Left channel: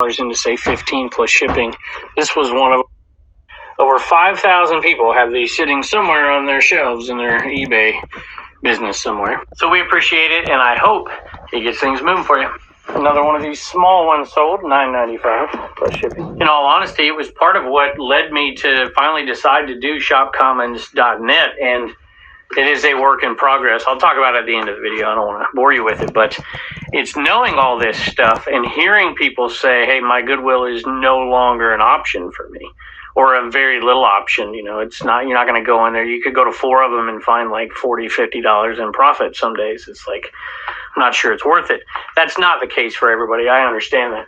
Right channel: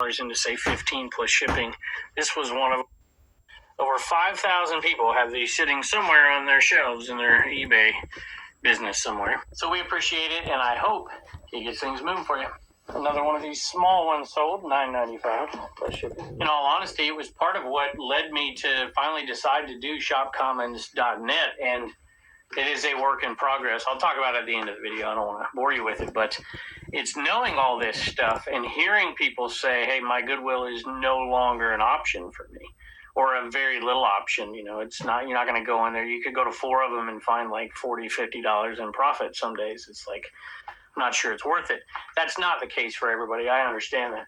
into say 15 plus shipping. This was one of over 5,000 people have these sitting somewhere on their shelves in their eBay business somewhere. So we appreciate it, and I hope it gets things moving for you. Another one of ththese small ones sold, $9.95 plus shipping. In all honesty, it was part of what led me to finally decide to do shopcommons.net, and it is a work in progress. I'll talk about it at the end of the video. I don't want to bore you with it, but it's knowing all this stuff and hearing people say, hey, my Goodwill is no longer an option for me, or a very little option. You know, it's not, you're not going to go in there. You could go to 4 of them and find like $40, $50 in profit some days. It's like, I'm not sure it's worth it. That's not the case for everybody. I understand that.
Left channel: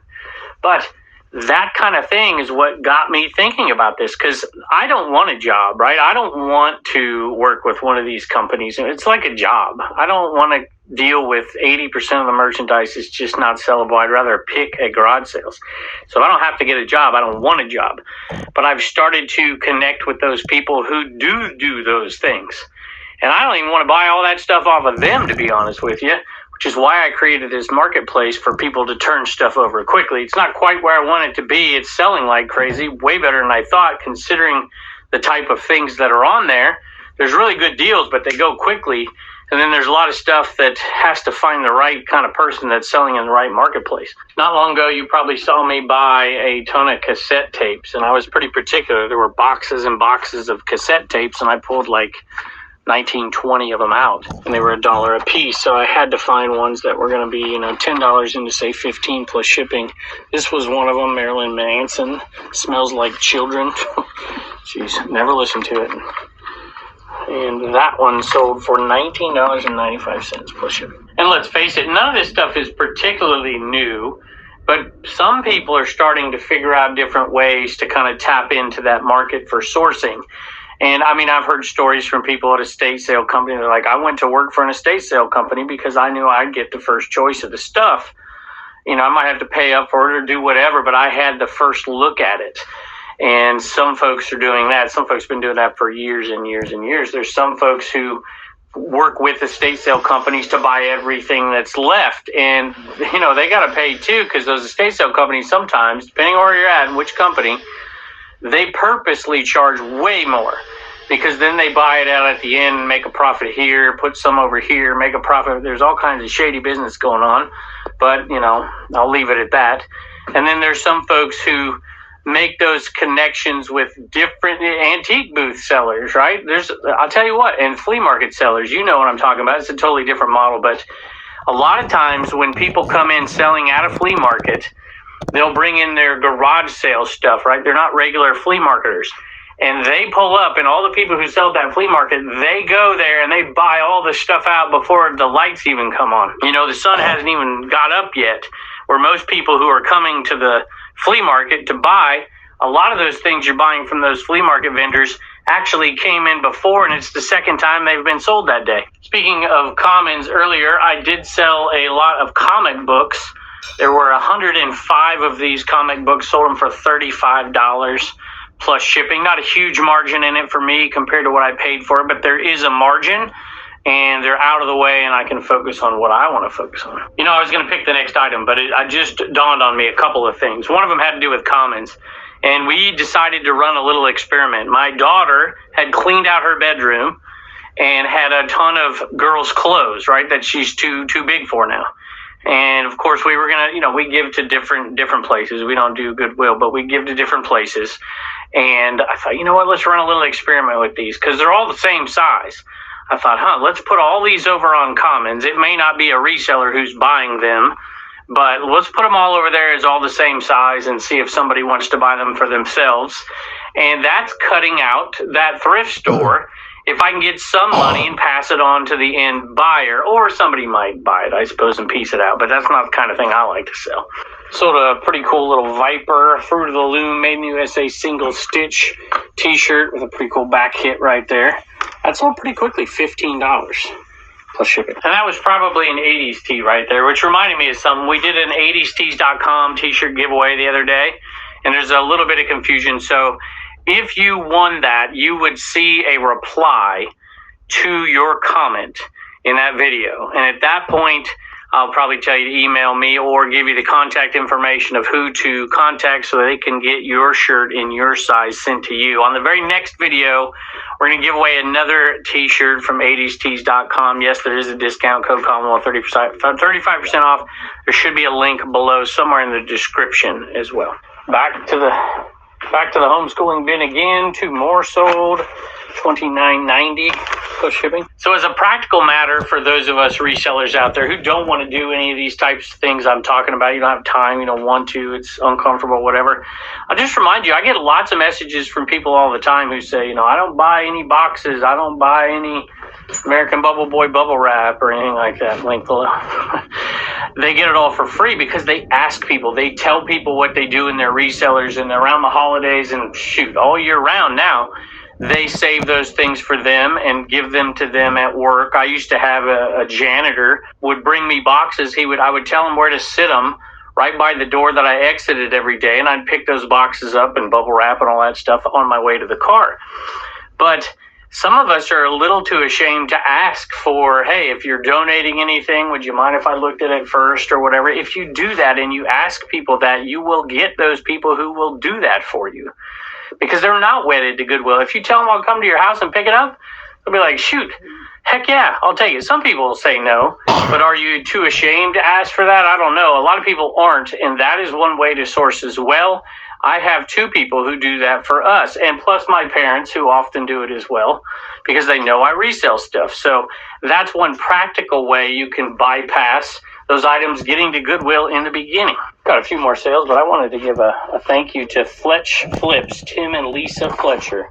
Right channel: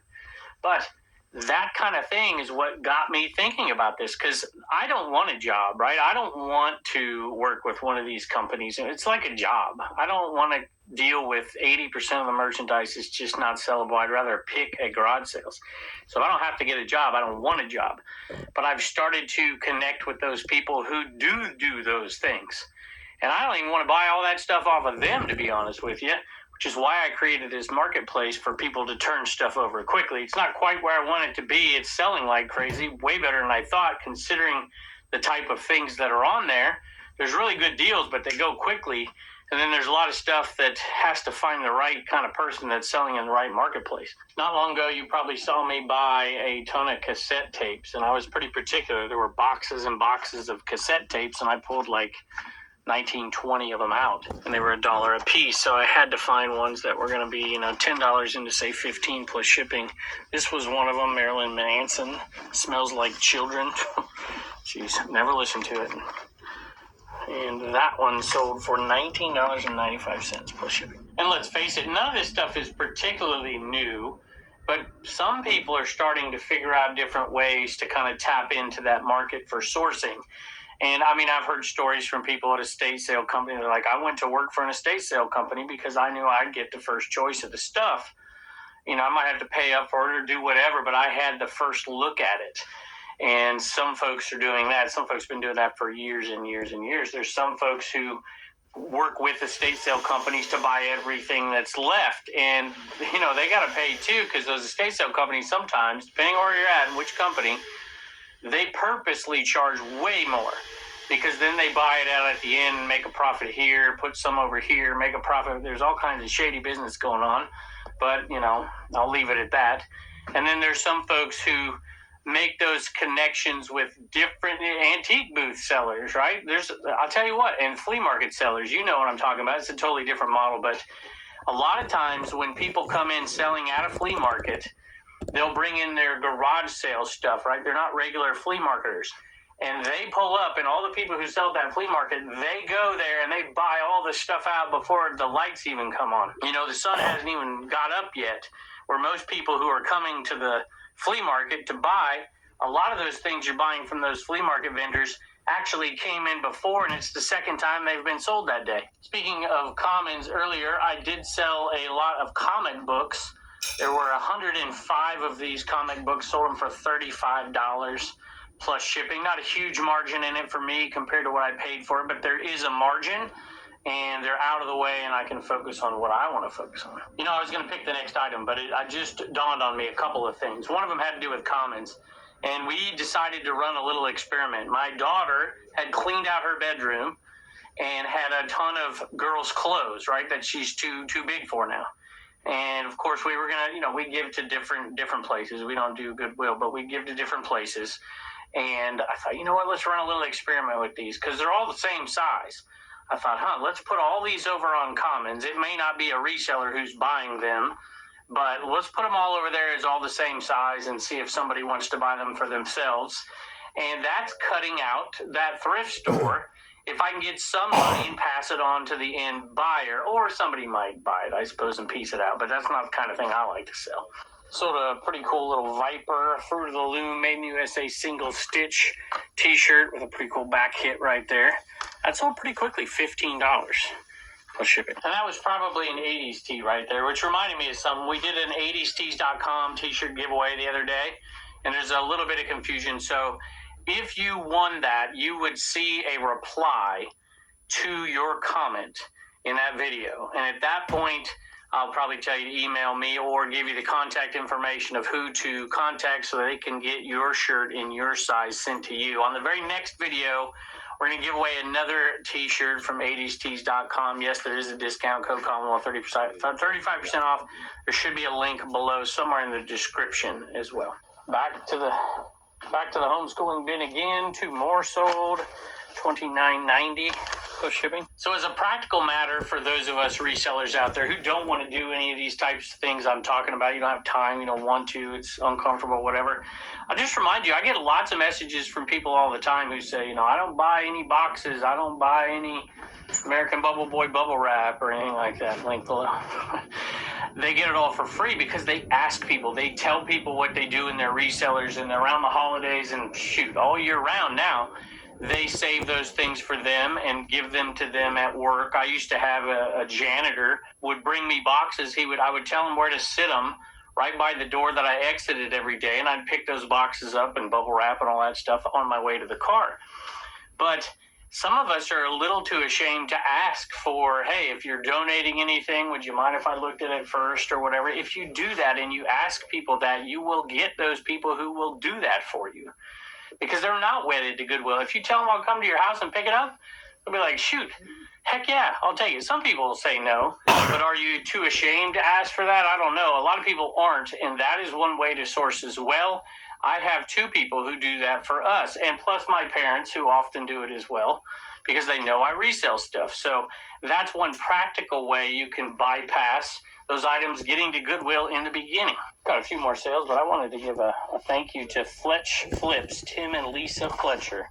But that kind of thing is what got me thinking about this, because I don't want a job, right? I don't want to work with one of these companies. It's like a job. I don't want to deal with 80% of the merchandise is just not sellable. I'd rather pick at garage sales. So if I don't have to get a job, I don't want a job. But I've started to connect with those people who do those things. And I don't even want to buy all that stuff off of them, to be honest with you, which is why I created this marketplace for people to turn stuff over quickly. It's not quite where I want it to be. It's selling like crazy, way better than I thought, considering the type of things that are on there. There's really good deals, but they go quickly. And then there's a lot of stuff that has to find the right kind of person that's selling in the right marketplace. Not long ago, you probably saw me buy a ton of cassette tapes, and I was pretty particular. There were boxes and boxes of cassette tapes, and I pulled like 19, 20 of them out, and they were $1 a piece. So I had to find ones that were going to be, $10 into say 15 plus shipping. This was one of them, Marilyn Manson, Smells Like Children. Jeez, never listened to it. And that one sold for $19.95 plus shipping. And let's face it, none of this stuff is particularly new, but some people are starting to figure out different ways to kind of tap into that market for sourcing. And I mean, I've heard stories from people at estate sale company. They're like, I went to work for an estate sale company because I knew I'd get the first choice of the stuff. I might have to pay up for it or do whatever, but I had the first look at it. And some folks are doing that. Some folks have been doing that for years and years and years. There's some folks who work with estate sale companies to buy everything that's left. And, they got to pay too, because those estate sale companies sometimes, depending on where you're at and which company, they purposely charge way more, because then they buy it out at the end, make a profit here, put some over here, make a profit. There's all kinds of shady business going on, but, I'll leave it at that. And then there's some folks who make those connections with different antique booth sellers, right? I'll tell you what, and flea market sellers, you know what I'm talking about. It's a totally different model, but a lot of times when people come in selling at a flea market, they'll bring in their garage sale stuff, right? They're not regular flea marketers. And they pull up, and all the people who sell at that flea market, they go there and they buy all the stuff out before the lights even come on. The sun hasn't even got up yet, where most people who are coming to the flea market to buy, a lot of those things you're buying from those flea market vendors actually came in before, and it's the second time they've been sold that day. Speaking of commons, earlier I did sell a lot of comic books. There were 105 of these comic books, sold them for $35 plus shipping. Not a huge margin in it for me compared to what I paid for it, but there is a margin, and they're out of the way, and I can focus on what I want to focus on. I was going to pick the next item, but it just dawned on me a couple of things. One of them had to do with commons, and we decided to run a little experiment. My daughter had cleaned out her bedroom and had a ton of girls' clothes, right, that she's too big for now. And of course we were going to, we give to different places. We don't do Goodwill, but we give to different places. And I thought, let's run a little experiment with these, because they're all the same size. I thought, let's put all these over on commons. It may not be a reseller who's buying them, but let's put them all over there as all the same size and see if somebody wants to buy them for themselves. And that's cutting out that thrift store. If I can get some money and pass it on to the end buyer, or somebody might buy it, I suppose, and piece it out. But that's not the kind of thing I like to sell. Sold a pretty cool little Viper Fruit of the Loom Made in the USA single stitch t-shirt with a pretty cool back hit right there. That sold pretty quickly, $15 plus shipping. And that was probably an 80s tee right there, which reminded me of something. We did an 80stees.com t-shirt giveaway the other day, and there's a little bit of confusion. So if you won that, you would see a reply to your comment in that video. And at that point, I'll probably tell you to email me or give you the contact information of who to contact so they can get your shirt in your size sent to you. On the very next video, we're going to give away another t-shirt from 80stees.com. Yes, there is a discount code, Commonwealth, 35% off. There should be a link below somewhere in the description as well. Back to the homeschooling bin again. 2 more sold. $29.90 plus shipping. So as a practical matter for those of us resellers out there who don't want to do any of these types of things I'm talking about, you don't have time, you don't want to, it's uncomfortable, whatever. I'll just remind you, I get lots of messages from people all the time who say, I don't buy any boxes, I don't buy any American Bubble Boy bubble wrap or anything like that. Link below. They get it all for free because they ask people. They tell people what they do in their resellers and around the holidays and shoot, all year round now. They save those things for them and give them to them at work. I used to have a janitor would bring me boxes. I would tell him where to sit them right by the door that I exited every day, and I'd pick those boxes up and bubble wrap and all that stuff on my way to the car. But some of us are a little too ashamed to ask for, hey, if you're donating anything, would you mind if I looked at it first or whatever? If you do that and you ask people that, you will get those people who will do that for you. Because they're not wedded to Goodwill. If you tell them I'll come to your house and pick it up, they'll be like, shoot, heck yeah, I'll take it. Some people will say no, but are you too ashamed to ask for that? I don't know. A lot of people aren't, and that is one way to source as well. I have 2 people who do that for us, and plus my parents who often do it as well because they know I resell stuff. So that's one practical way you can bypass those items getting to Goodwill in the beginning. Got a few more sales, but I wanted to give a thank you to Fletch Flips, Tim and Lisa Fletcher.